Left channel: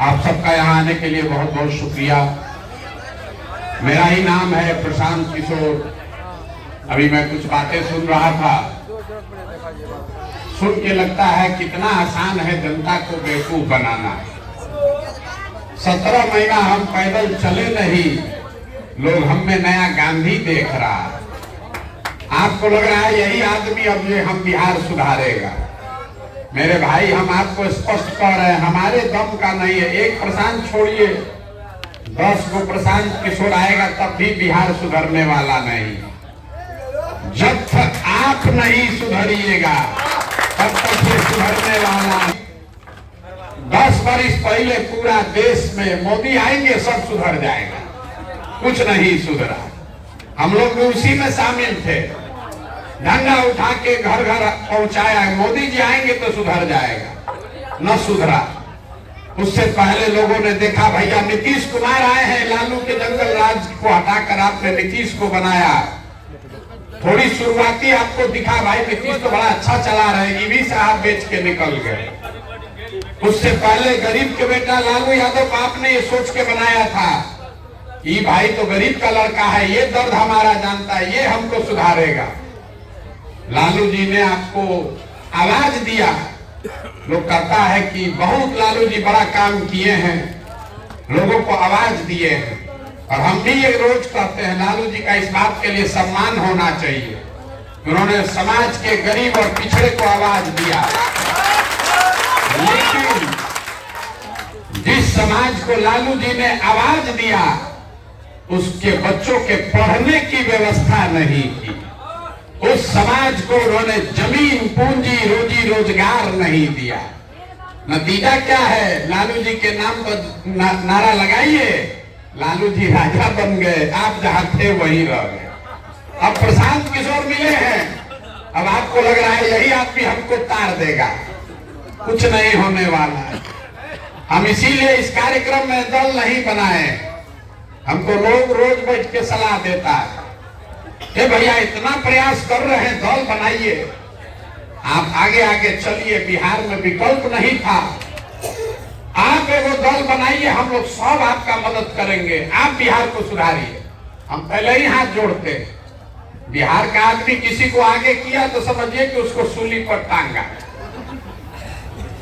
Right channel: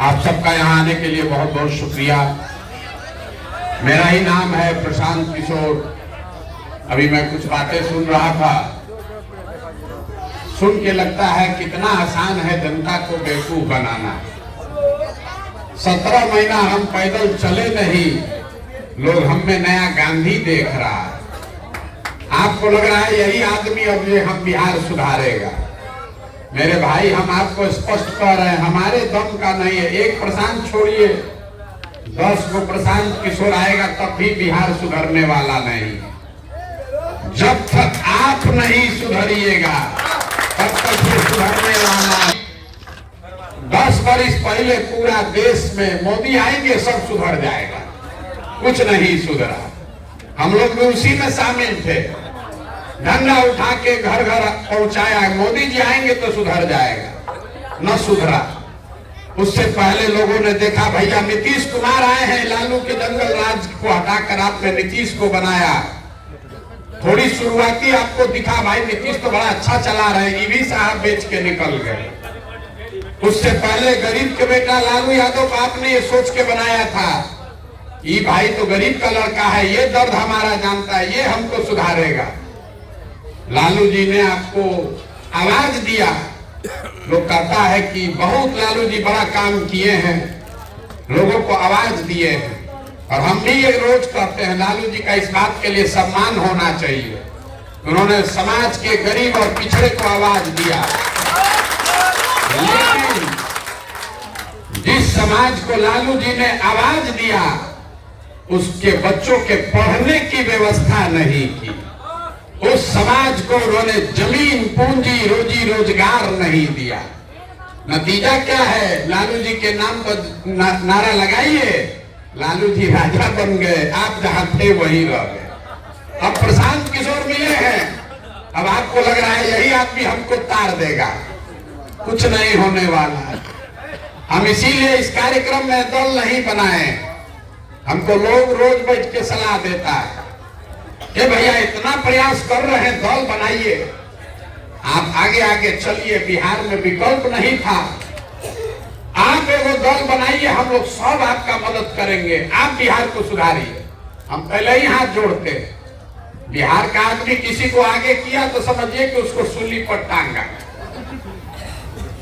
आप सबका यहाँ आने के लिए बहुत बहुत शुक्रिया। मेरा ही नाम है प्रशांत किशोर। अभी मैं कुछ बातें सुन रहा था, सुन के लगता है कितना आसान है जनता को बेवकूफ बनाना। 17 महीना हम पैदल चले नहीं, लोग हम में नया गांधी देख रहा है। आपको लग रहा है यही आदमी अब ये हम बिहार सुधारेगा। मेरे भाई, हम आपको स्पष्ट कह रहे हैं, हमारे दम का नहीं है। एक प्रशांत छोड़िए, 10 को प्रशांत किशोर आएगा तब भी बिहार सुधरने वाला नहीं। जब तक आप नहीं सुधरिएगा तब तक ये सुधरने वाला। 10 वर्ष पहले पूरा देश में मोदी आएंगे सब सुधर जाएगा, कुछ नहीं सुधरा। हम लोग भी उसी में शामिल थे, डंडा उठा के घर घर पहुंचाया। मोदी जी आएंगे तो सुधर जाएगा, न सुधरा। उससे पहले लोगों ने देखा भैया नीतीश कुमार आए हैं, लालू के जंगल राज को हटाकर आपने नीतीश को बनाया। थोड़ी शुरुआती आपको दिखा भाई नीतीश तो बड़ा अच्छा चला रहे, ईवी साहब बेच के निकल गए। उससे पहले गरीब के बेटा लालू यादव को आपने ये सोच के बनाया था, ये भाई तो गरीब का लड़का है, ये दर्द हमारा जानता है, ये हमको सुधारेगा। लालू जी ने आपको आवाज दिया। लोग कहता है कि बहुत लालू जी बड़ा काम किए हैं, लोगों को आवाज दिए हैं। और हम भी ये रोज कहते हैं लालू जी का इस बात के लिए सम्मान होना चाहिए, उन्होंने समाज के गरीब और पिछड़े को आवाज दिया। लेकिन जिस समाज को लालू जी ने आवाज दिया उसके बच्चों के पढ़ने की व्यवस्था नहीं की, उस समाज को उन्होंने जमीन पूंजी रोजी रोजगार नहीं दिया। नतीजा क्या है? लालू जी के नाम पर नारा लगाइए, लालू जी राजा बन गए, आप जहां थे वहीं रह गए। अब प्रशांत किशोर मिले हैं, अब आपको लग रहा है यही आदमी हमको तार देगा, कुछ नहीं होने वाला है। हम इसीलिए इस कार्यक्रम में दल नहीं बनाए। हमको लोग रोज बैठ के सलाह देता है कि भैया इतना प्रयास कर रहे हैं, दल बनाइए, आप आगे आगे चलिए। बिहार में विकल्प नहीं था, आप एगो दल बनाइए, हम लोग सब आपका मदद करेंगे, आप बिहार को सुधारिए। हम पहले ही हाथ जोड़ते हैं। बिहार का आदमी किसी को आगे किया तो समझिए कि उसको सूली पर टांगा।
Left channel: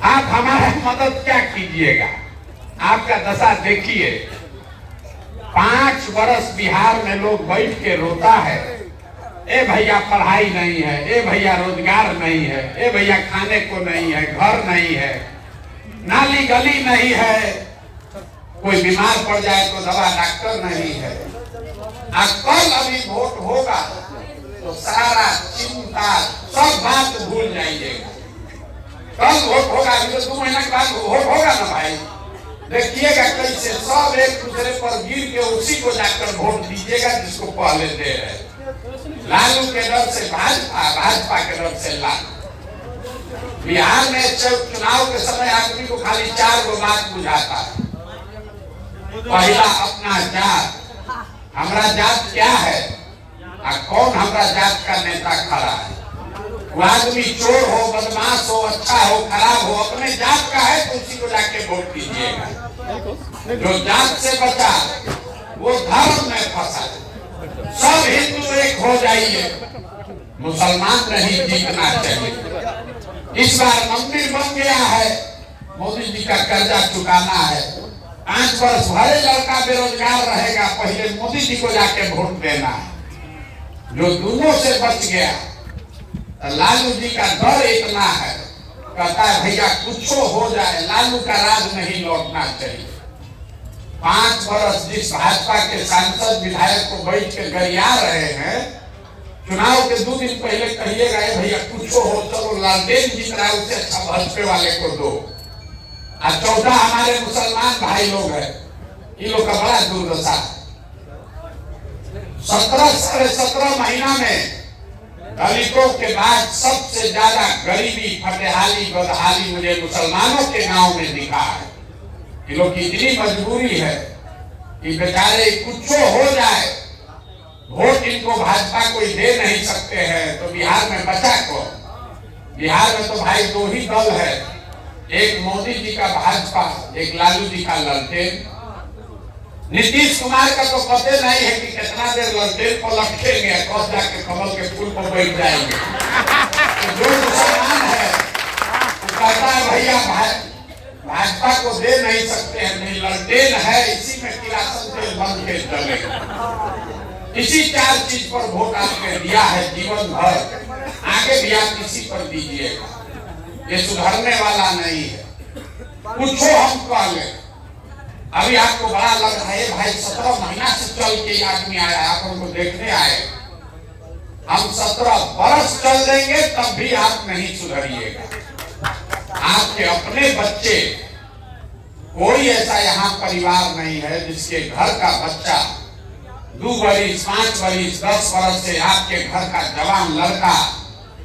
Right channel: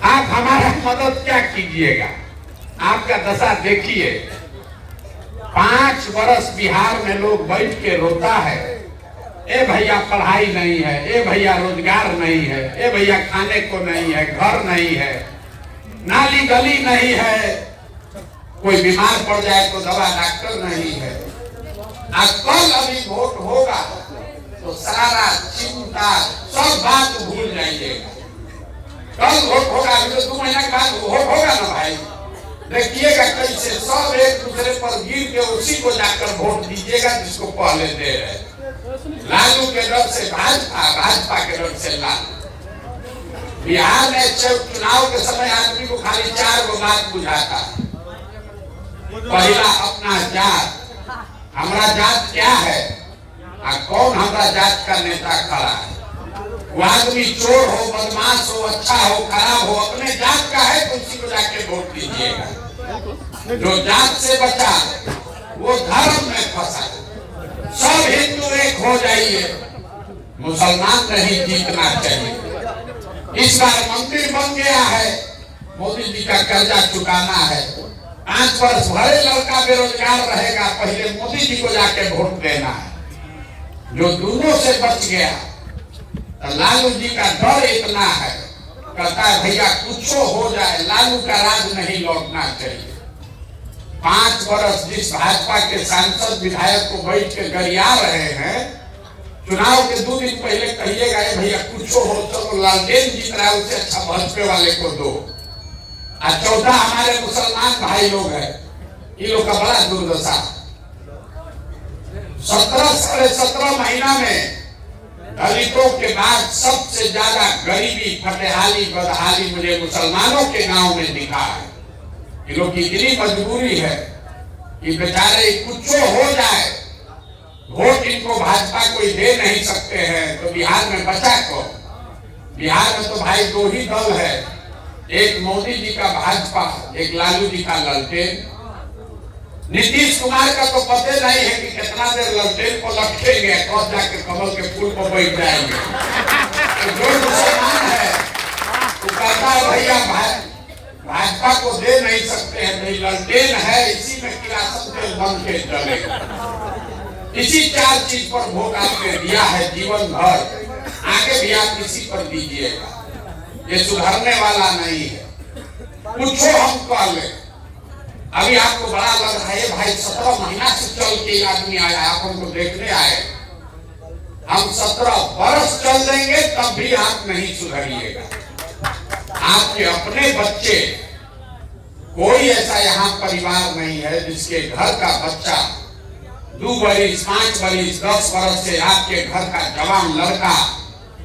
आप हमारा मदद क्या कीजिएगा? आपका दशा देखिए। 5 वर्ष बिहार में लोग बैठ के रोता है, ए भैया पढ़ाई नहीं है, ए भैया रोजगार नहीं है, ए भैया खाने को नहीं है, घर नहीं है, नाली गली नहीं है, कोई बीमार पड़ जाए तो दवा डॉक्टर नहीं है। आज कल अभी वोट होगा तो सारा चिंता सब बात भूल जाइएगा। कल वोट होगा, तो 2 महीना के बाद वोट होगा ना भाई, देखिएगा कैसे सब एक दूसरे पर गिर के उसी को जाकर वोट दीजिएगा जिसको पहले दे रहे। लालू के डर से भाजपा, भाजपा के डर से लालू। बिहार में चुनाव के समय आदमी को खाली 4 गो बात बुझाता। पहला अपना जात, हमारा जात क्या है और कौन हमारा जात का नेता खड़ा है। वो आदमी चोर हो, बदमाश हो, अच्छा हो, खराब हो, अपने जात का है तो उसी को जाके वोट कीजिएगा। जो जात से बचा वो धर्म में फंसा। सब हिंदू एक हो जाइए, मुसलमान नहीं जीतना चाहिए। इस बार मंदिर बन गया है, मोदी जी का कर्जा चुकाना है। 5 वर्ष भरे लड़का बेरोजगार रहेगा, पहले मोदी जी को जाके वोट देना है। जो दोनों से बच गया, लालू जी का डर इतना है, कहता है भैया कुछ हो जाए, लालू का राज नहीं लौटना चाहिए। 5 वर्ष जिस भाजपा के सांसद विधायक को बैठ के गरिया रहे हैं, चुनाव के 2 दिन पहले कहिएगा भैया कुछ हो, चलो लालटेन जीत रहा है, उससे अच्छा भाजपा वाले को दो। और 14 हमारे मुसलमान भाई लोग हैं, ये लोग का बड़ा दुर्दशा। 17 साढ़े 17 महीना में दलितों के बाद सबसे ज्यादा गरीबी, फटेहाली, बदहाली मुझे मुसलमानों के गांव में दिखा है। ये लोग की इतनी मजबूरी है कि बेचारे कुछ हो जाए, वोट इनको भाजपा कोई दे नहीं सकते हैं, तो बिहार में बचा कौन? बिहार में तो भाई 2 ही दल है, एक मोदी जी का भाजपा, एक लालू जी का लालटेन। नीतीश कुमार का तो पता नहीं है कि कितना देर लालटेन को लटकेंगे, कब जाके कमल के फूल पर बैठ जाएंगे। तो जो मुसलमान है वो कहता है भैया भाजपा को दे नहीं सकते हैं, नहीं लालटेन है, इसी में किरासन तेल बन के चलेगा। इसी 4 चीज पर वोट आपने दिया है जीवन भर, आगे भी आप इसी पर दीजिएगा। ये सुधरने वाला नहीं है। पूछो हम पहले, अभी आपको बड़ा लग रहा है भाई 17 महीना से चल के आदमी आया, आप हमको देखने आए। हम 17 वर्ष चल देंगे तब भी आप नहीं सुधरिएगा। आपके अपने बच्चे, कोई ऐसा यहाँ परिवार नहीं है जिसके घर का बच्चा 2 बरिस, 5 बरिस, 10 वर्ष से आपके घर का जवान लड़का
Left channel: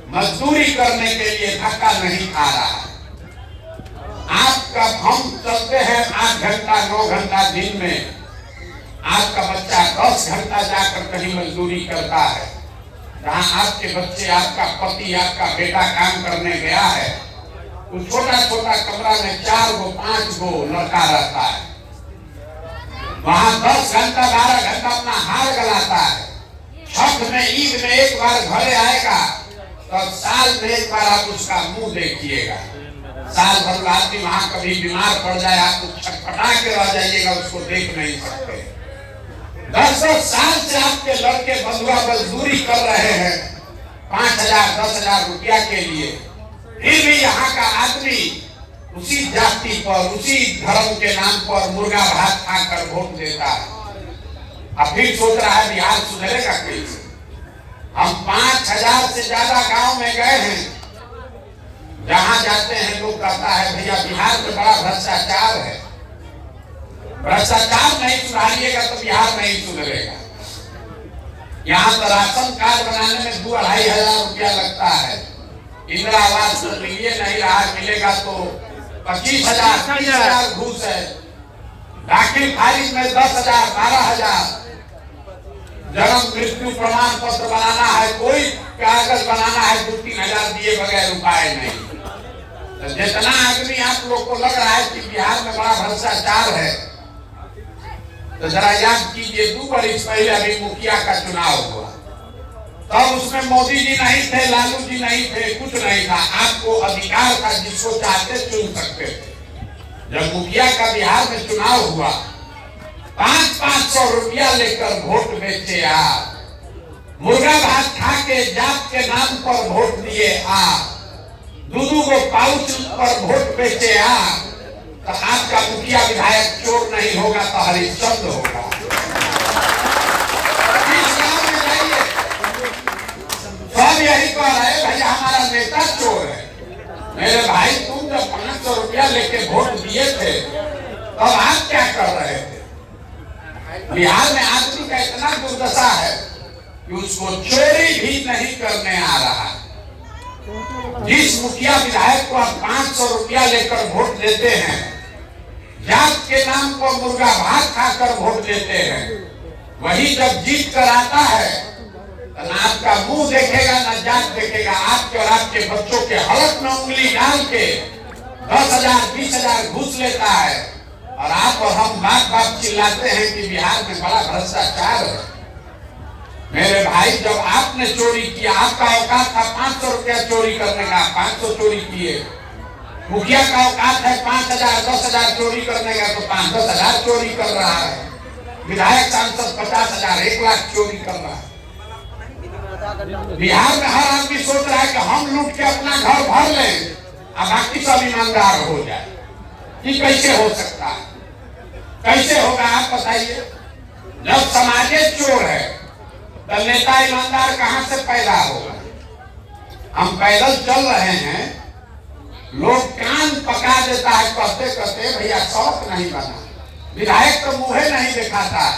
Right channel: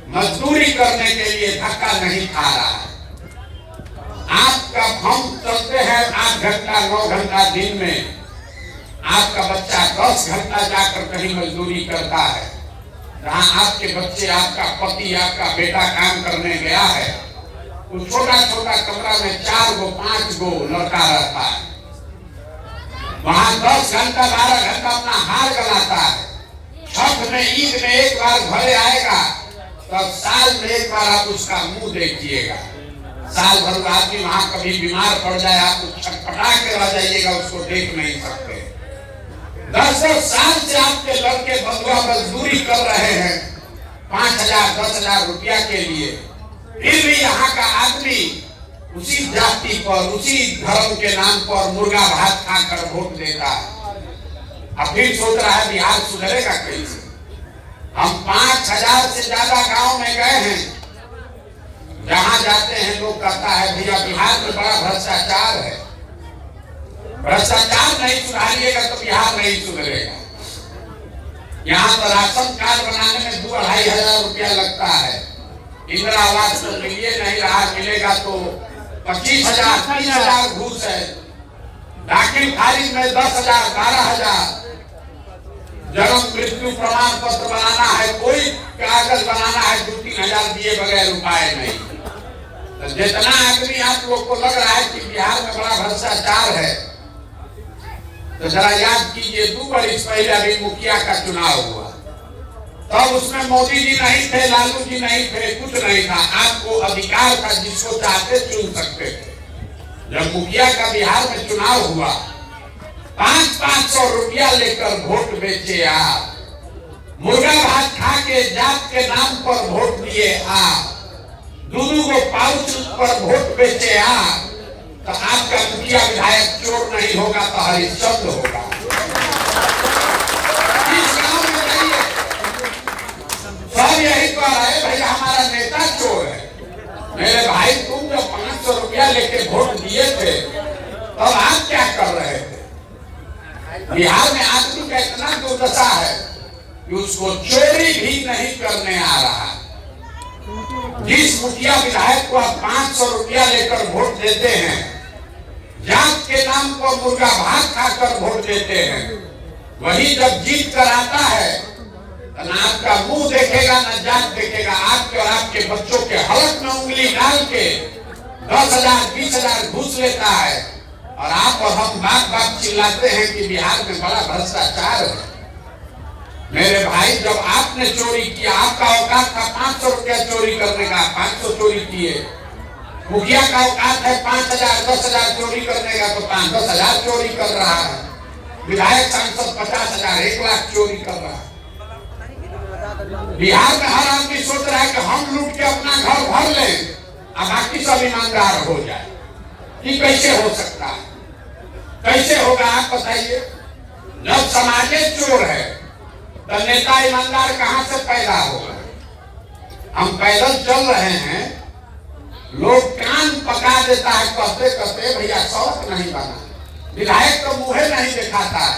मजदूरी करने के लिए धक्का नहीं खा रहा है। आपका हम चलते हैं 8 घंटा 9 घंटा दिन में, आपका बच्चा 10 घंटा जाकर कहीं मजदूरी करता है। जहाँ आपके बच्चे, आपका पति, आपका बेटा काम करने गया है तो छोटा छोटा कमरा में 4 गो 5 गो लड़का रहता है। वहां 10 घंटा 12 घंटा अपना हार गलाता है। छठ में, ईद में एक बार घरे आएगा तो साल में एक बार आप उसका मुंह देखिएगा। साल भर आदमी वहां कभी बीमार पड़ जाए, आप छटपटा के रह जाइएगा, उसको देख नहीं सकते। 10 साल से आपके लड़के बंधुआ मजदूरी कर रहे हैं 5,000 10,000 रुपया के लिए, फिर भी यहाँ का आदमी उसी जाति पर, उसी धर्म के नाम पर मुर्गा भात खाकर वोट देता है। अब फिर सोच रहा है बिहार सुधरेगा कैसे। हम 5,000 से ज्यादा गांव में गए हैं, जहां जाते हैं लोग कहता है भैया बिहार में बड़ा भ्रष्टाचार है। भ्रष्टाचार नहीं सुधारिएगा तो बिहार नहीं सुधरेगा। यहाँ तो राशन कार्ड बनाने में 2-2.5 हजार रुपया लगता है। इंदिरा आवास तो मिलिए नहीं रहा, मिलेगा तो 25,000 30,000 घूस है। दाखिल खारिज में 10,000 12,000। जन्म मृत्यु प्रमाण पत्र बनाना है, कोई कागज बनाना है 2-3 हजार दिए बगैर उपाय नहीं। तो जितना आदमी आप लोग को लग रहा है कि बिहार में बड़ा भ्रष्टाचार है, तो जरा याद कीजिए 2 बरिस पहले अभी मुखिया का चुनाव हुआ, तब उसमें मोदी जी नहीं थे, लालू जी नहीं थे, कुछ नहीं था। आपको अधिकार था, जिसको चाहते चुन सकते थे। जब मुखिया का बिहार में चुनाव हुआ, 500 रुपया लेकर वोट बेचे आप। मुर्गा भात खा के जात के नाम पर वोट दिए आप। 2-2 गो पाउच पर वोट बेचे आप। तो आपका मुखिया विधायक चोर नहीं होगा तो हरिश्चंद्र होगा। इस गांव में जाइए, सब यही कह रहे भैया हमारा नेता चोर है। मेरे भाई तुम जब 500 रुपया लेके वोट दिए थे तब आप क्या कर रहे थे। बिहार में आदमी का इतना दुर्दशा है कि उसको चोरी भी नहीं करने आ रहा। जिस मुखिया विधायक को आप 500 रुपया लेकर वोट देते हैं, जात के नाम पर मुर्गा भात खाकर वोट देते हैं, वही जब जीत कर आता है तो ना आपका मुंह देखेगा ना जात देखेगा। आपके और आपके बच्चों के हलक में उंगली डाल के 10,000 20,000 घूस लेता है। और आप और हम बात चिल्लाते हैं कि बिहार में बड़ा भ्रष्टाचार है। मेरे भाई, जब आपने चोरी किया, आपका औकात था 500 रुपया चोरी करने का, 500 चोरी किए। मुखिया का औकात है 5,000 10,000 चोरी करने का, तो 5-10 हजार चोरी कर रहा है। विधायक सांसद 50,000 1 लाख चोरी कर रहा है। बिहार में हर आदमी सोच रहा है कि हम लूट के अपना घर भर लें और बाकी सब ईमानदार हो जाए। ये कैसे हो सकता है, कैसे होगा आप बताइए। जब समाज चोर है तो नेता ईमानदार कहां से पैदा होगा। हम पैदल चल रहे हैं, लोग कान पका देता है कहते कहते भैया सड़क नहीं बना। विधायक तो मुंह नहीं दिखाता।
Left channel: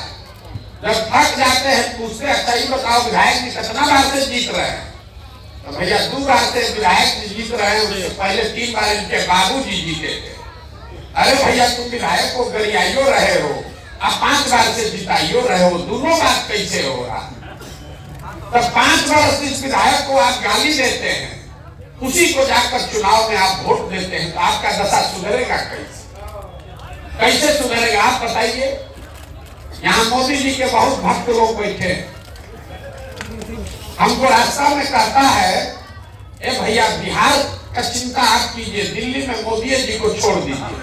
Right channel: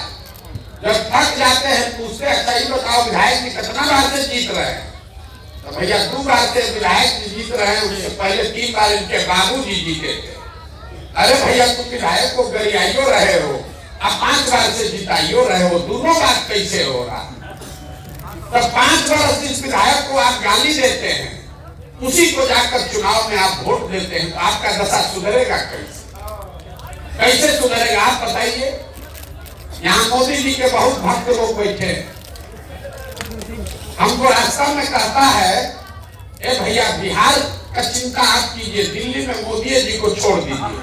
जब थक जाते हैं पूछते अच्छा ही बताओ विधायक जी कितना बार से जीत रहे हैं, तो भैया 2 बार से विधायक जी जीत रहे हैं, उससे पहले 3 बार इनके बाबूजी जीते थे। अरे भैया तुम विधायक को गरियाइयो रहे हो, अब 5 बार से जिताइयो रहे हो, दोनों बात कैसे हो रहा। तब 5 वर्ष इस विधायक को आप गाली देते हैं, उसी को जाकर चुनाव में आप वोट देते हैं, तो आपका दशा सुधरेगा कैसे? कैसे सुधरेगा आप बताइए। यहाँ मोदी जी के बहुत भक्त लोग बैठे, हमको रास्ता में कहता है, ए भैया बिहार का चिंता आप कीजिए, दिल्ली में मोदी जी को छोड़ दीजिए।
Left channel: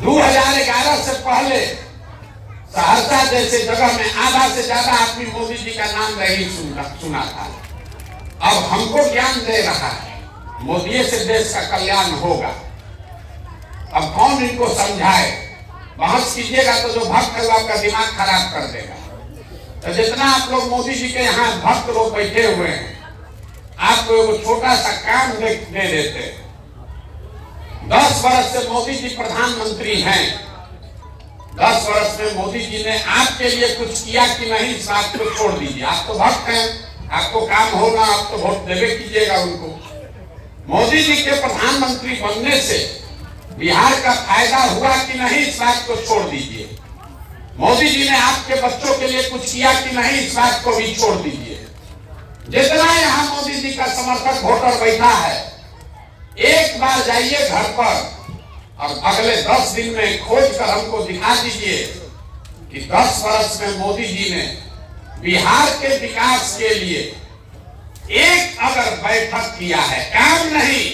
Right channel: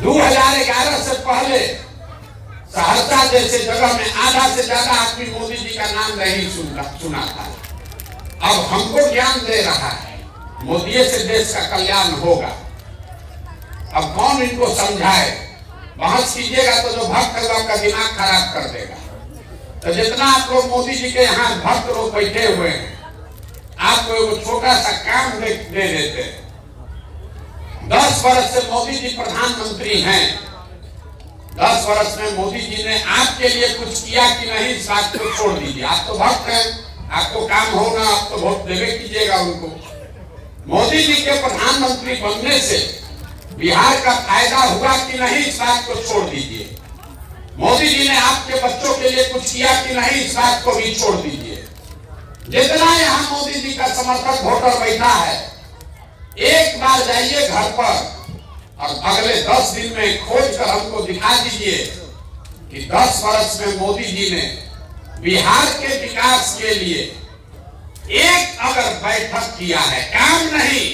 2011 से पहले सहरसा जैसे जगह में आधा से ज्यादा आदमी मोदी जी का नाम नहीं सुना था। अब हमको ज्ञान दे रहा है मोदी से देश का कल्याण होगा। अब कौन इनको समझाए? बहस कीजिएगा तो जो भक्त है वो आपका दिमाग खराब कर देगा। तो जितना आप लोग मोदी जी के यहाँ भक्त लोग बैठे हुए हैं, आप लोग छोटा सा काम दे देते हैं। 10 वर्ष से मोदी जी प्रधानमंत्री हैं। 10 वर्ष में मोदी जी ने आपके लिए कुछ किया कि नहीं, इस बात को छोड़ दीजिए। आप तो भक्त हैं, आपको काम होगा, आप तो वोट देवे कीजिएगा उनको। मोदी जी के प्रधानमंत्री बनने से बिहार का फायदा हुआ कि नहीं, इस बात को छोड़ दीजिए। मोदी जी ने आपके बच्चों के लिए कुछ किया कि नहीं, इस बात को भी छोड़ दीजिए। जितना यहाँ मोदी जी का समर्थक वोटर बैठा है, एक बार जाइए घर पर और अगले 10 दिन में खोज कर हमको दिखा दीजिए कि 10 वर्ष में मोदी जी ने बिहार के विकास के लिए एक अगर बैठक किया है, काम नहीं,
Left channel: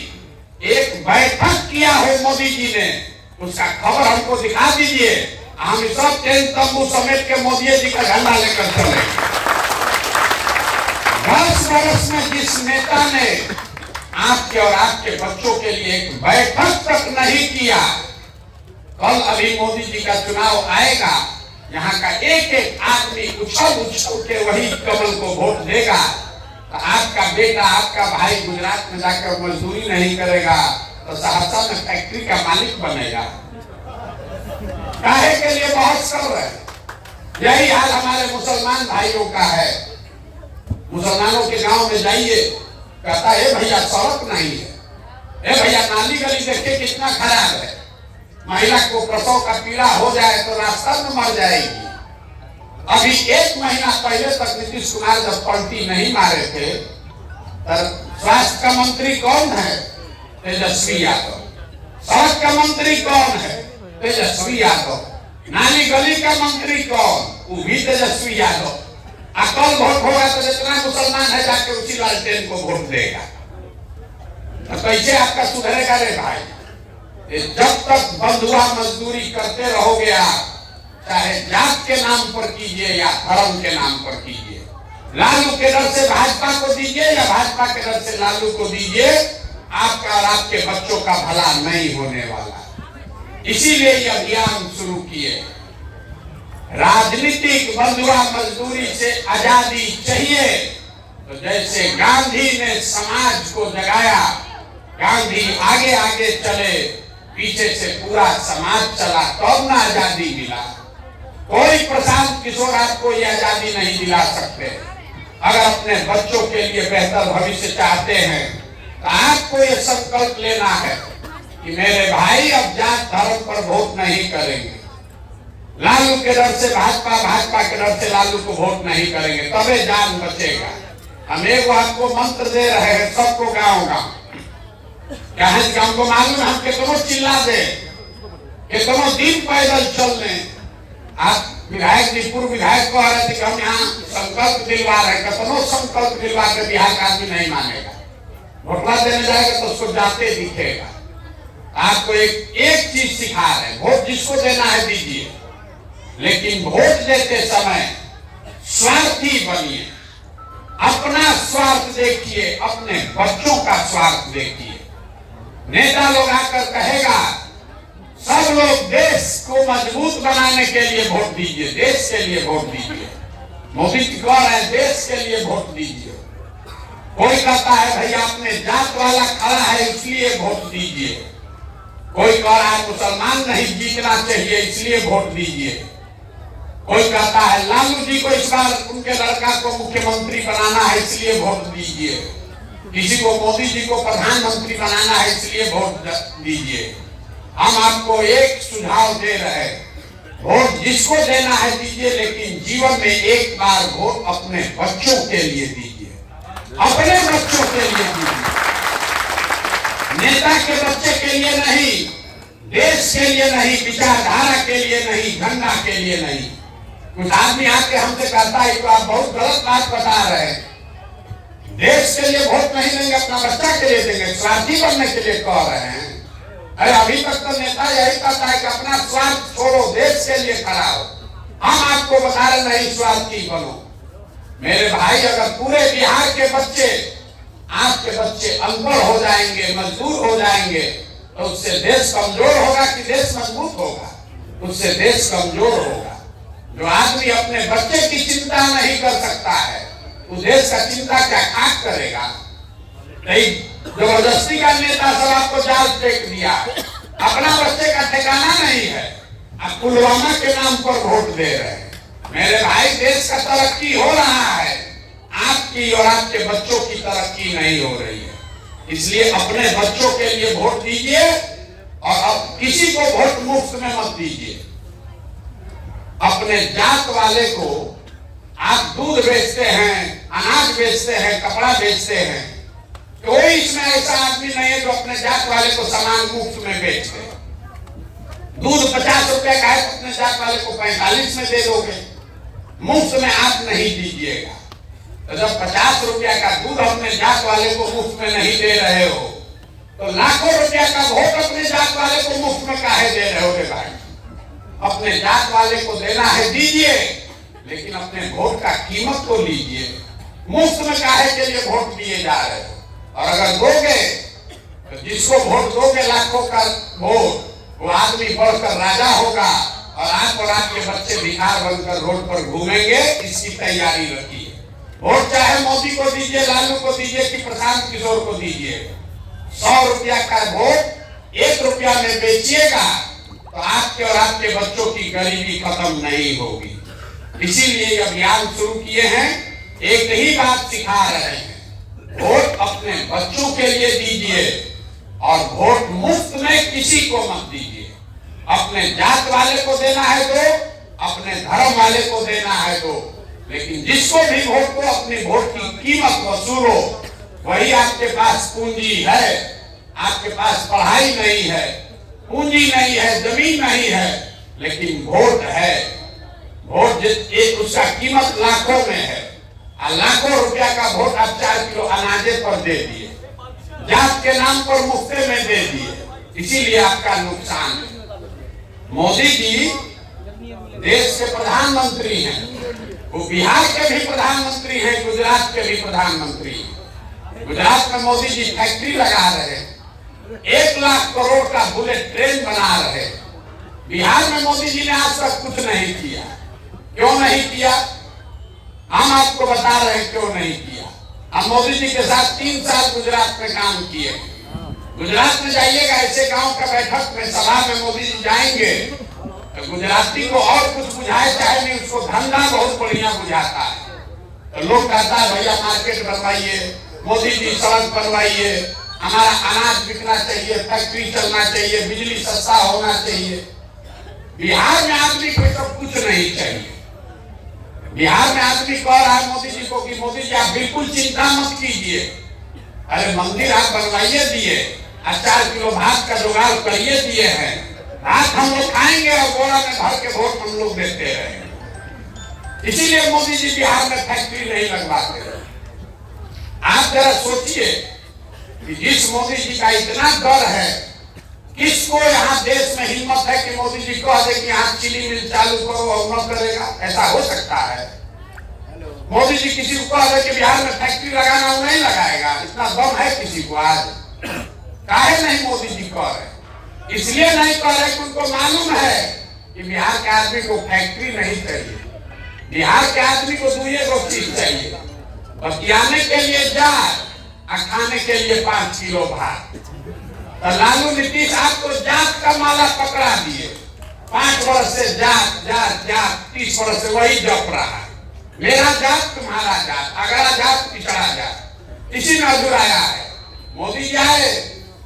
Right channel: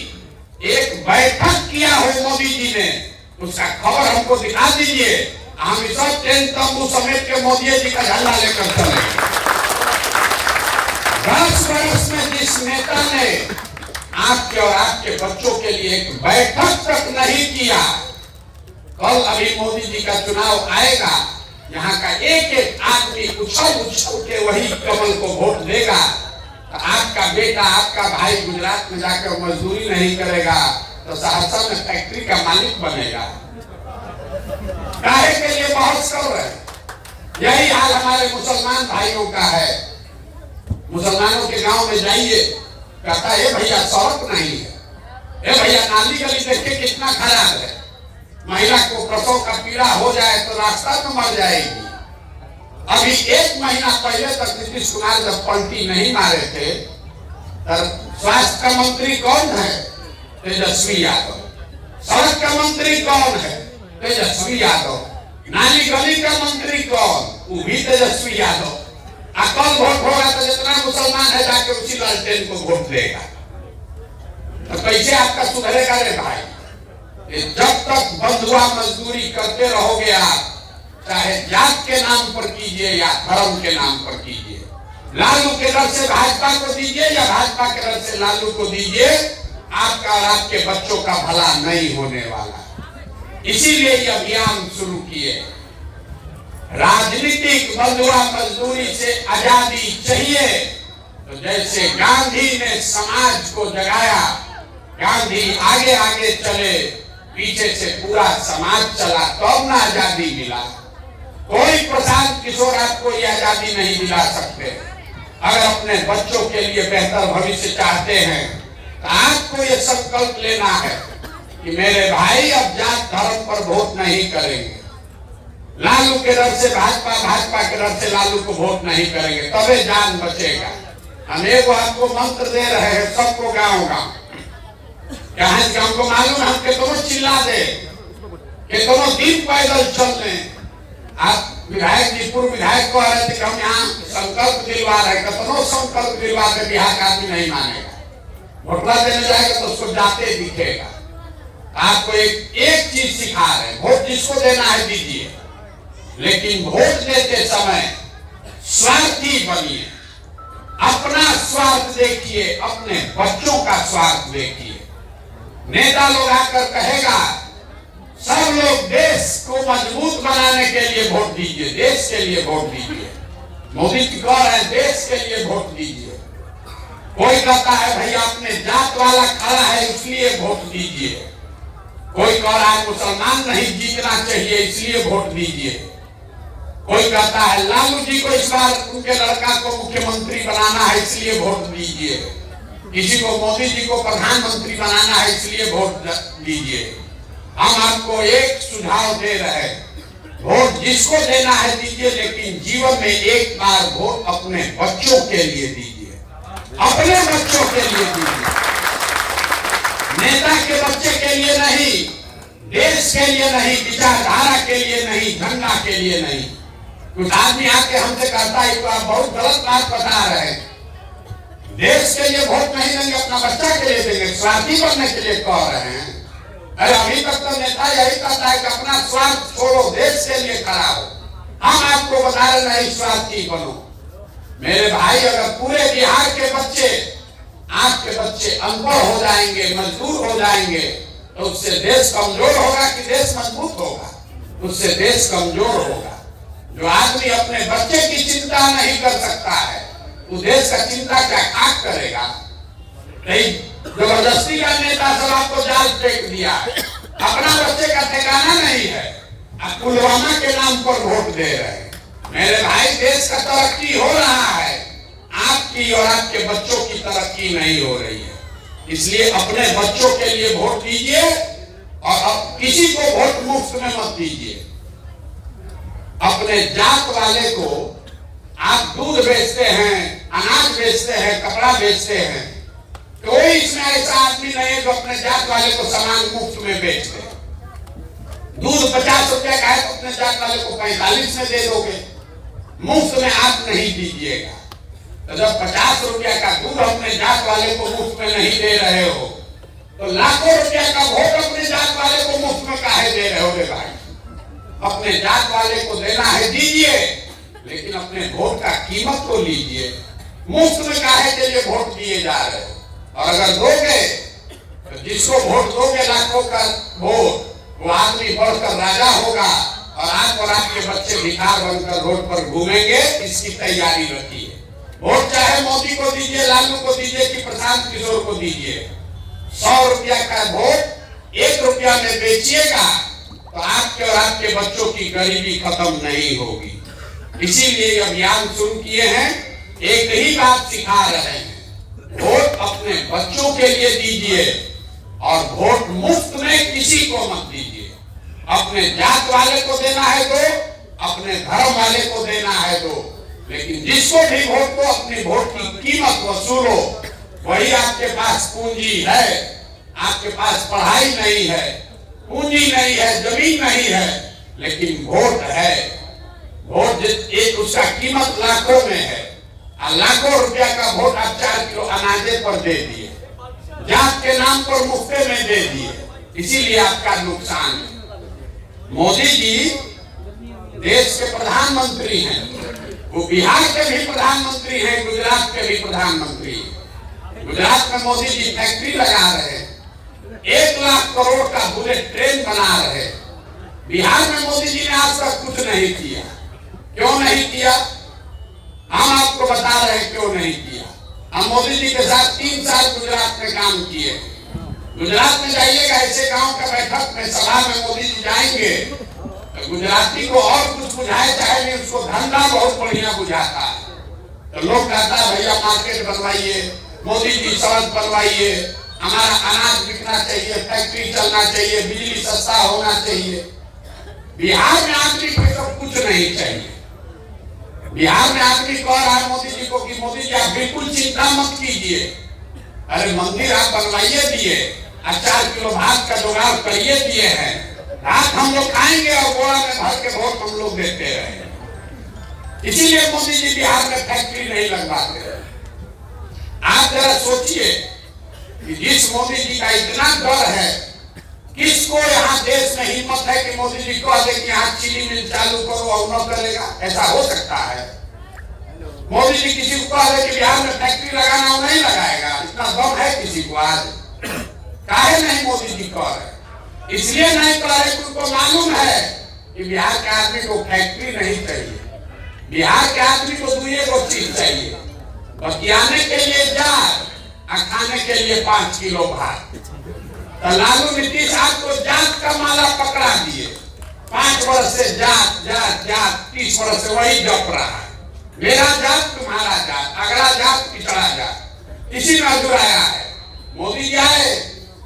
एक बैठक किया है मोदी जी ने, उसका खबर हमको दिखा दीजिए। हम सब टेंट तंबू समेट के मोदी जी का झंडा लेकर चले। 10 वर्ष में जिस नेता ने आपके और आपके बच्चों के लिए एक बैठक तक नहीं किया, कल अभी मोदी जी का चुनाव आएगा, यहाँ का एक एक आदमी उछल उछल के वही कमल को वोट देगा। तो आपका बेटा, आपका भाई गुजरात में जाकर मजदूरी नहीं करेगा तो सहरसा में फैक्ट्री का मालिक बनेगा। काहे के लिए बहुत कर रहे हैं। यही हाल हमारे मुसलमान भाइयों का है। मुसलमानों के गांव में जाइए, कहता है भैया सड़क नहीं है, ए भैया नाली गली देखिए कितना खराब है। महिला को प्रसव का पीड़ा हो जाए तो रास्ता में मर जाएगी। अभी 1 महीना पहले तक नीतीश कुमार जब पलटी नहीं मारे थे, तब स्वास्थ्य का मंत्री कौन है? तेजस्वी यादव। सड़क का मंत्री कौन है? तेजस्वी यादव। नाली गली का मंत्री कौन? वो भी तेजस्वी यादव। कल वोट होगा तो जितना मुसलमान है जाके उसी लालटेन को वोट देगा। तो कैसे आपका सुधरेगा रे भाई? जब तक बंधुआ मजदूरी करते रहोगे आप, चाहे जात के नाम पर कीजिए या धर्म के नाम पर कीजिए, लालू के डर से भाजपा को दीजिए या भाजपा के डर से लालू को दीजिए, आपका और आपके बच्चों का भला नहीं होने वाला। इसीलिए ये अभियान शुरू किए। राजनीतिक बंधुआ मजदूरी से आजादी चाहिए। तो जैसे गांधी ने समाज को जगाया, गांधी आगे आगे चले, पीछे से पूरा समाज चला, तब ना आजादी मिला। कोई प्रशांत किशोर आपको ये आजादी नहीं दिला सकते। अगर अपने बच्चों के लिए बेहतर भविष्य चाहते हैं तो आपको ये संकल्प लेना है कि मेरे भाई अब जात धर्म पर वोट नहीं करेंगे। लालू के डर से भाजपा, भाजपा के डर से लालू को वोट नहीं करेंगे, तबे जान बचेगा। हम एक आपको मंत्र दे रहे हैं सबको गाँव गाँव। क्या है कि हमको मालूम है, हम कितनों चिल्ला दे, कितनों दिन पैदल चल रहे। आप विधायक जी, पूर्व विधायक कह रहे थे कि हम यहाँ संकल्प दिलवा रहे, कितनों संकल्प दिलवा के बिहार का आदमी नहीं मानेगा। वोटला देने जाएगा तो उसको जाते दिखेगा। आपको एक चीज सिखा रहे हैं, वोट जिसको देना है दीजिए, लेकिन वोट देते समय स्वार्थी बनिए। अपना स्वार्थ देखिए, अपने बच्चों का स्वार्थ देखिए। नेता लोग आकर कहेगा सब लोग देश को मजबूत बनाने के लिए वोट दीजिए, देश के लिए वोट दीजिए। मोदी जी कह रहे हैं देश के लिए वोट दीजिए। कोई कहता है भैया अपने जात वाला खड़ा है इसलिए वोट दीजिए। कोई कह रहा है मुसलमान नहीं जीतना चाहिए इसलिए वोट दीजिए। कोई कहता है लालू जी को इस बार उनके लड़का को मुख्यमंत्री बनाना है इसलिए वोट दीजिए। किसी को मोदी जी को प्रधानमंत्री बनाना है इसलिए वोट दीजिए। हम आपको एक सुझाव दे रहे हैं, वोट जिसको देना है दीजिए, लेकिन जीवन में एक बार वोट अपने बच्चों के लिए दीजिए। अपने बच्चों के लिए दीजिए, नेता के बच्चे के लिए नहीं, देश के लिए नहीं, विचारधारा के लिए नहीं, झंडा के लिए नहीं। कुछ आदमी आके हमसे कहता है तो आप बहुत गलत बात बता रहे हैं, देश के लिए वोट नहीं देंगे, अपना बच्चा के लिए देंगे, स्वार्थी बनने के लिए कह रहे हैं। अरे अभी तक तो नेता यही कहता है कि अपना स्वार्थ छोड़ो, देश के लिए खड़ा हो। हम आपको बता रहे नहीं स्वार्थी बनो। मेरे भाई, अगर पूरे बिहार के बच्चे, आपके बच्चे अनपढ़ हो जाएंगे, मजदूर हो जाएंगे, तो उससे देश कमजोर होगा कि देश मजबूत होगा? उससे देश कमजोर होगा। जो आदमी अपने बच्चे की चिंता नहीं कर सकता है, वो देश का चिंता क्या खाक करेगा? नहीं, जबरदस्ती का नेता सब आपको जाल फेंक दिया, अपना बच्चे का ठिकाना नहीं है, आप पुलवामा के नाम पर वोट दे रहे हैं। मेरे भाई, देश का तरक्की हो रहा है, आपकी और आपके बच्चों की तरक्की नहीं हो रही है। इसलिए अपने बच्चों के लिए वोट दीजिए और किसी को वोट मुफ्त में मत दीजिए। अपने जात वाले को आप दूध बेचते हैं, अनाज बेचते हैं, कपड़ा बेचते हैं, कोई इसमें ऐसा आदमी नहीं है जो अपने जात वाले को सामान मुफ्त में बेच दे। दूध 50 रुपए का है तो अपने जात वाले को 45 में दे दोगे, मुफ्त में आप नहीं दीजिएगा। तो जब 50 रुपया का दूध अपने जात वाले को मुफ्त में नहीं दे रहे हो, तो लाखों रुपया का वोट अपने जात वाले को मुफ्त में काहे दे रहे हो रे भाई? अपने जात वाले को देना है दीजिए, लेकिन अपने वोट का कीमत को लीजिए। मुफ्त में काहे के लिए वोट दिए जा रहे हो? और अगर दोगे तो जिसको वोट दोगे लाखों का वोट, वो आदमी बढ़कर राजा होगा और आप और आपके बच्चे भिखार बनकर रोड पर घूमेंगे। इसकी तैयारी रखिए। वोट चाहे मोदी को दीजिए, लालू को दीजिए कि प्रशांत किशोर को दीजिए, 100 रुपया का वोट 1 रुपया में बेचिएगा तो आपके और आपके बच्चों की गरीबी खत्म नहीं होगी। इसीलिए अभियान शुरू किए हैं, एक ही बात सिखा रहे हैं, वोट अपने बच्चों के लिए दीजिए और वोट मुफ्त में किसी को मत दीजिए। अपने जात वाले को देना है दो, अपने धर्म वाले को देना है दो, लेकिन जिसको भी वोट दो अपनी वोट की कीमत वसूलो। वही आपके पास पूंजी है। आपके पास पढ़ाई नहीं है, पूंजी नहीं है, जमीन नहीं है, लेकिन वोट है। वोट एक उसका कीमत लाखों में है, लाखों रुपया का वोट आप 4 किलो अनाजे पर दे दिए, जात के नाम पर मुफ्ते में दे दिए, इसीलिए आपका नुकसान है। मोदी जी देश के प्रधानमंत्री हैं, वो बिहार के भी प्रधानमंत्री हैं, गुजरात के भी प्रधानमंत्री हैं। गुजरात में मोदी जी फैक्ट्री लगा रहे हैं, 1 लाख करोड़ का बुलेट ट्रेन बना रहे। बिहार में मोदी जी ने आज तक कुछ नहीं किया। क्यों नहीं किया? हम आपको बता रहे हैं क्यों नहीं किया। हम मोदी जी के साथ 3 साल गुजरात में काम किए। गुजरात में जाइएगा, ऐसे गांव का बैठक में सभा में मोदी जी जाएंगे तो गुजराती को और कुछ बुझाए चाहे नहीं, उसको धंधा बहुत बढ़िया बुझाता है। तो लोग कहता है भैया मार्केट बनवाइए, मोदी जी सड़क बनवाइए, हमारा अनाज बिकना चाहिए, फैक्ट्री चलना चाहिए, बिजली सस्ता होना चाहिए। बिहार में आदमी को तो कुछ नहीं चाहिए। बिहार में आदमी कह रहा है मोदी जी को कि मोदी जी आप बिल्कुल चिंता मत कीजिए, अरे मंदिर आप बनवाइए दिए, 4 किलो भात का जुगाड़ करिए दिए हैं, भात हम लोग खाएंगे और गोला में भर के वोट हम लोग देते रहेंगे। इसीलिए मोदी जी बिहार में फैक्ट्री नहीं लगवाते। आप जरा सोचिए कि जिस मोदी जी का इतना डर है, किसको यहाँ देश में हिम्मत है कि मोदी जी कह दे कि यहाँ चीनी मिल चालू करो और न करेगा? ऐसा हो सकता है? मोदी जी किसी को कह दे कि बिहार में फैक्ट्री लगाना, वो नहीं लगाएगा? इतना दम है किसी को? आज काहे नहीं मोदी जी कह रहे? इसलिए नहीं कह रहे कि उनको मालूम है कि बिहार के आदमी को फैक्ट्री नहीं चाहिए, बिहार के आदमी को 2 चीज चाहिए, बतियाने के लिए जात और खाने के लिए 5 किलो भात। तो लालू नीतीश आपको जात का माला पकड़ा दिए, 5 वर्ष से जात जात जात, 30 वर्ष से वही जप रहा है, मेरा जात तुम्हारा जात, अगला जात पिछड़ा जात, इसी में अधूराया है। मोदी जी आए,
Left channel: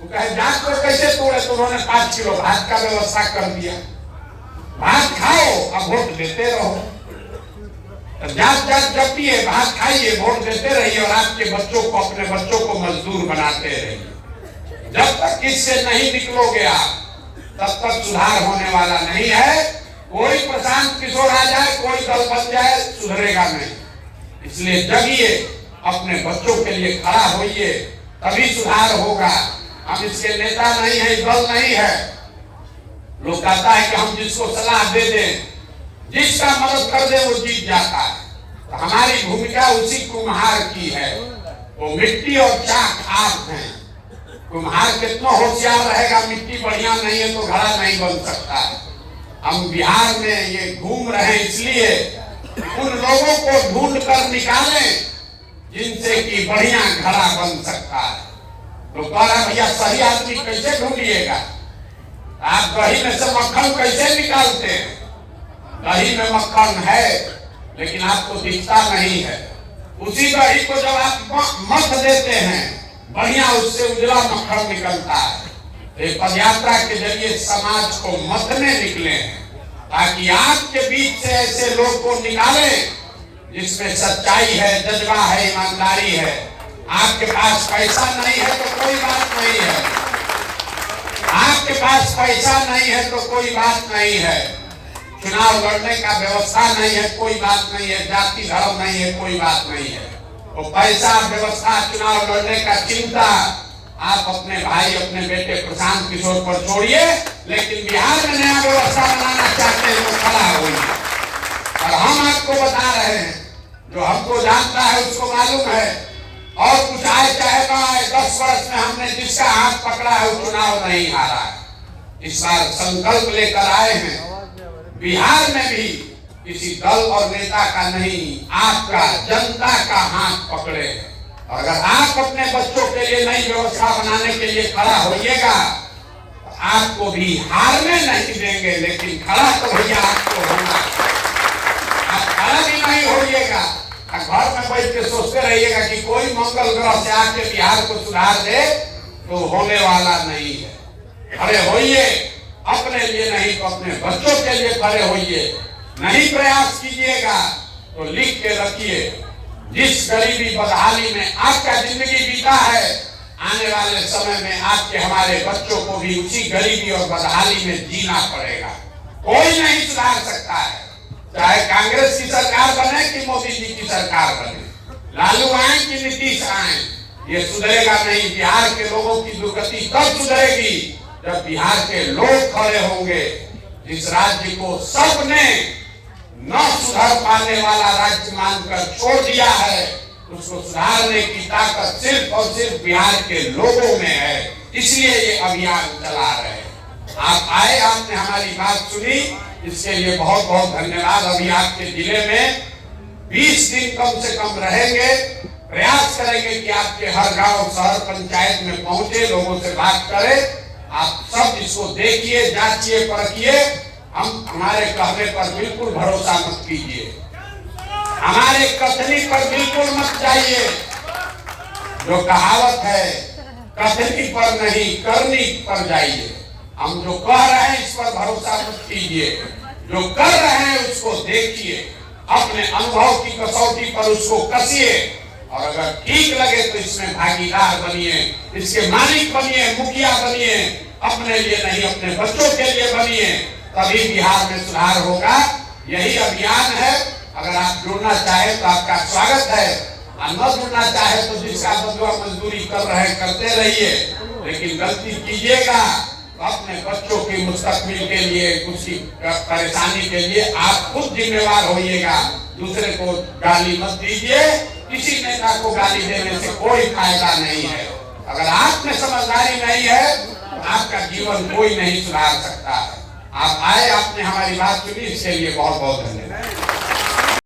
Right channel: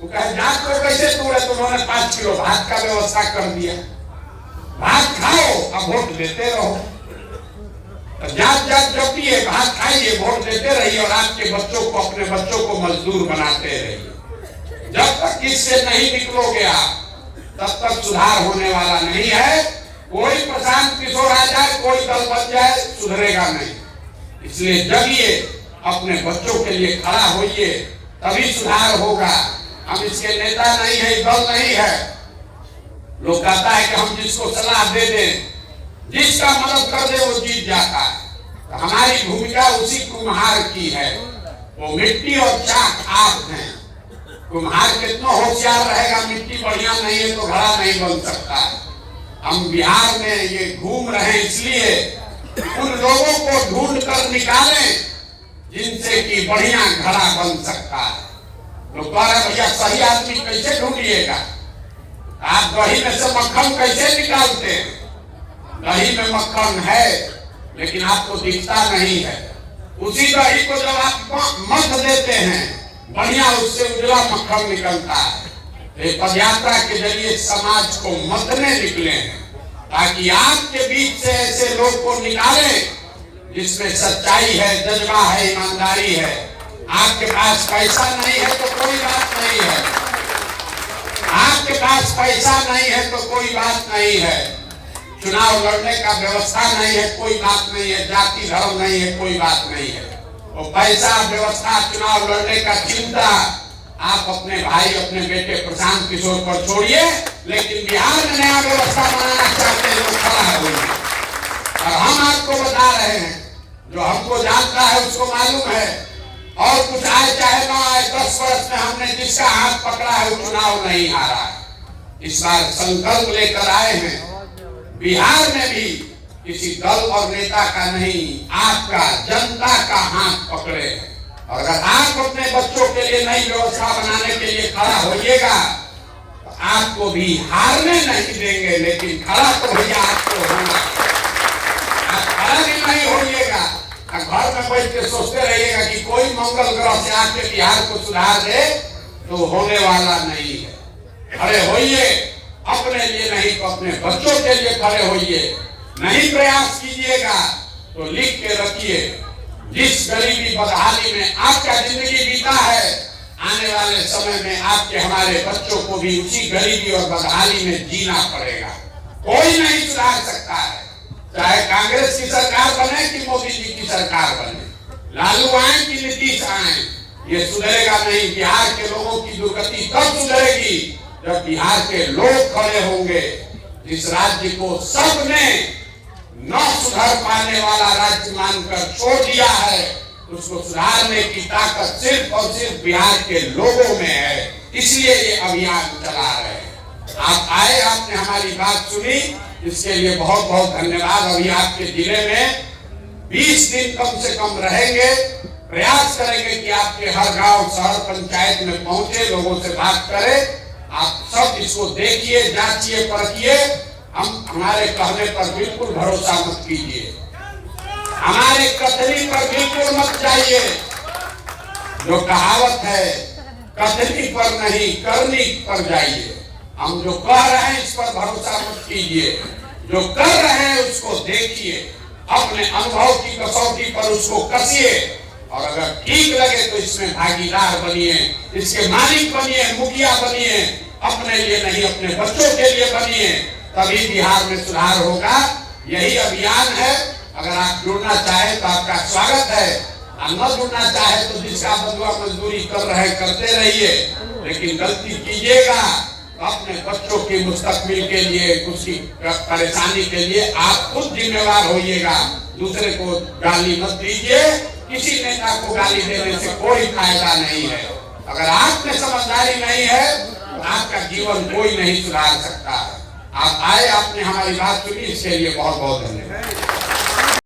वो कहे जात को कैसे तोड़े, तो उन्होंने 5 किलो भात का व्यवस्था कर दिया। भात खाओ, अब वोट देते रहो। तो जात जात जपिए, भात खाइए, वोट देते रहिए और आपके बच्चों को, अपने बच्चों को मजदूर बनाते रहिए। जब तक इससे नहीं निकलोगे आप, तब तक सुधार होने वाला नहीं है। कोई प्रशांत किशोर आ जाए, कोई दल बन जाए, सुधरेगा नहीं। इसलिए जगिए, अपने बच्चों के लिए खड़ा होइए, तभी सुधार होगा। हम इसके नेता नहीं है, दल नहीं है। लोग कहता है कि हम जिसको सलाह दे दें, जिसका मदद कर दे, वो जीत जाता है। तो हमारी भूमिका उसी कुम्हार की है। वो मिट्टी और चाक आप हैं। कुम्हार कितना होशियार रहेगा, मिट्टी बढ़िया नहीं है तो घड़ा नहीं बन सकता। हम बिहार में ये घूम रहे हैं इसलिए उन लोगों को ढूंढ कर निकालें जिनसे कि बढ़िया घड़ा बन सकता है। तो कह रहे भैया सही आदमी कैसे ढूंढिएगा? आप दही में से मक्खन कैसे निकालते हैं? दही में मक्खन है लेकिन आपको दिखता नहीं है। उसी दही को जब आप मथ देते हैं, बढ़िया उससे उजला मक्खन निकलता है। तो पदयात्रा के जरिए समाज को मथने निकले हैं, ताकि आपके बीच से ऐसे लोग को निकालें जिसमें सच्चाई है, जज्बा है, ईमानदारी है। आपके पास पैसा नहीं है तो कोई बात नहीं है। आपके पास पैसा नहीं है तो कोई बात नहीं है। चुनाव लड़ने का व्यवस्था नहीं है, कोई बात नहीं है। जाति धर्म नहीं है, कोई बात नहीं है। तो पैसा, व्यवस्था, चुनाव लड़ने का चिंता आप अपने भाई, अपने बेटे प्रशांत किशोर पर छोड़िए। लेकिन बिहार में नया व्यवस्था बनाना चाहते हैं तो खड़ा होइए। और हम आपको बता रहे हैं, जो हमको जानता है उसको मालूम है। और कुछ आए चाहे ना आए, 10 वर्ष में हमने जिसका हाथ पकड़ा है वो चुनाव नहीं हारा है। इस बार संकल्प लेकर आए हैं, बिहार में भी किसी दल और नेता का नहीं, आपका, जनता का हाथ पकड़े। और अगर आप अपने बच्चों के लिए नई व्यवस्था बनाने के लिए खड़ा होइएगा तो आपको भी हारने नहीं देंगे। लेकिन खड़ा तो भैया आपको होना। आप खड़ा भी नहीं होइएगा, घर में बैठ के सोचते रहिएगा कि कोई मंगल ग्रह से आके बिहार को सुधार दे, तो होने वाला नहीं है। खड़े होइए, अपने लिए नहीं तो अपने बच्चों के लिए खड़े होइए। नहीं प्रयास कीजिएगा तो लिख के रखिए, जिस गरीबी बदहाली में आपका जिंदगी बीता है, आने वाले समय में आपके, हमारे बच्चों को भी उसी गरीबी और बदहाली में जीना पड़ेगा। कोई नहीं सुधार सकता है, चाहे कांग्रेस की सरकार बने कि मोदी जी की सरकार बने, लालू आए कि नीतीश आए, ये सुधरेगा नहीं। बिहार के लोगों की दुर्गति तब सुधरेगी जब बिहार के लोग खड़े होंगे। जिस राज्य को सबने न सुधर पाने वाला राज्य मानकर छोड़ दिया है, उसको सुधारने की ताकत सिर्फ और सिर्फ बिहार के लोगों में है। इसलिए ये अभियान चला रहे हैं। आप आए, आपने हमारी बात सुनी, इसके लिए बहुत बहुत धन्यवाद। अभी आपके जिले में 20 दिन कम से कम रहेंगे। प्रयास करेंगे कि आपके हर गांव, शहर, पंचायत में पहुंचे, लोगों से बात करें। आप सब इसको देखिए, जांचिए, परखिए। हमारे कहने पर बिल्कुल भरोसा मत कीजिए, हमारे कथनी पर बिल्कुल मत जाइए। जो कहावत है, कथनी पर नहीं करनी पर जाइए। हम जो कह रहे हैं इस पर भरोसा मत कीजिए, जो कर रहे हैं उसको देखिए, अपने अनुभव की कसौटी पर उसको कसिए। और अगर ठीक लगे तो इसमें भागीदार बनिए, इसके मालिक बनिए, मुखिया बनिए। अपने लिए नहीं, अपने बच्चों के लिए बनिए, तभी बिहार में सुधार होगा। यही अभियान है। अगर आप जुड़ना चाहे तो आपका स्वागत है, और न जुड़ना चाहे तो जिसका बदला मजदूरी कर रहे करते रहिए। लेकिन गलती कीजिएगा तो अपने बच्चों की मुस्तकबिल के लिए, उसकी परेशानी के लिए आप खुद जिम्मेवार होइएगा। दूसरे को गाली मत दीजिए। किसी नेता को गाली देने से कोई फायदा नहीं है। अगर आप में समझदारी नहीं है तो आपका जीवन कोई नहीं सुधार सकता। आप आए, आपने हमारी बात सुनी, इसके लिए बहुत बहुत धन्यवाद।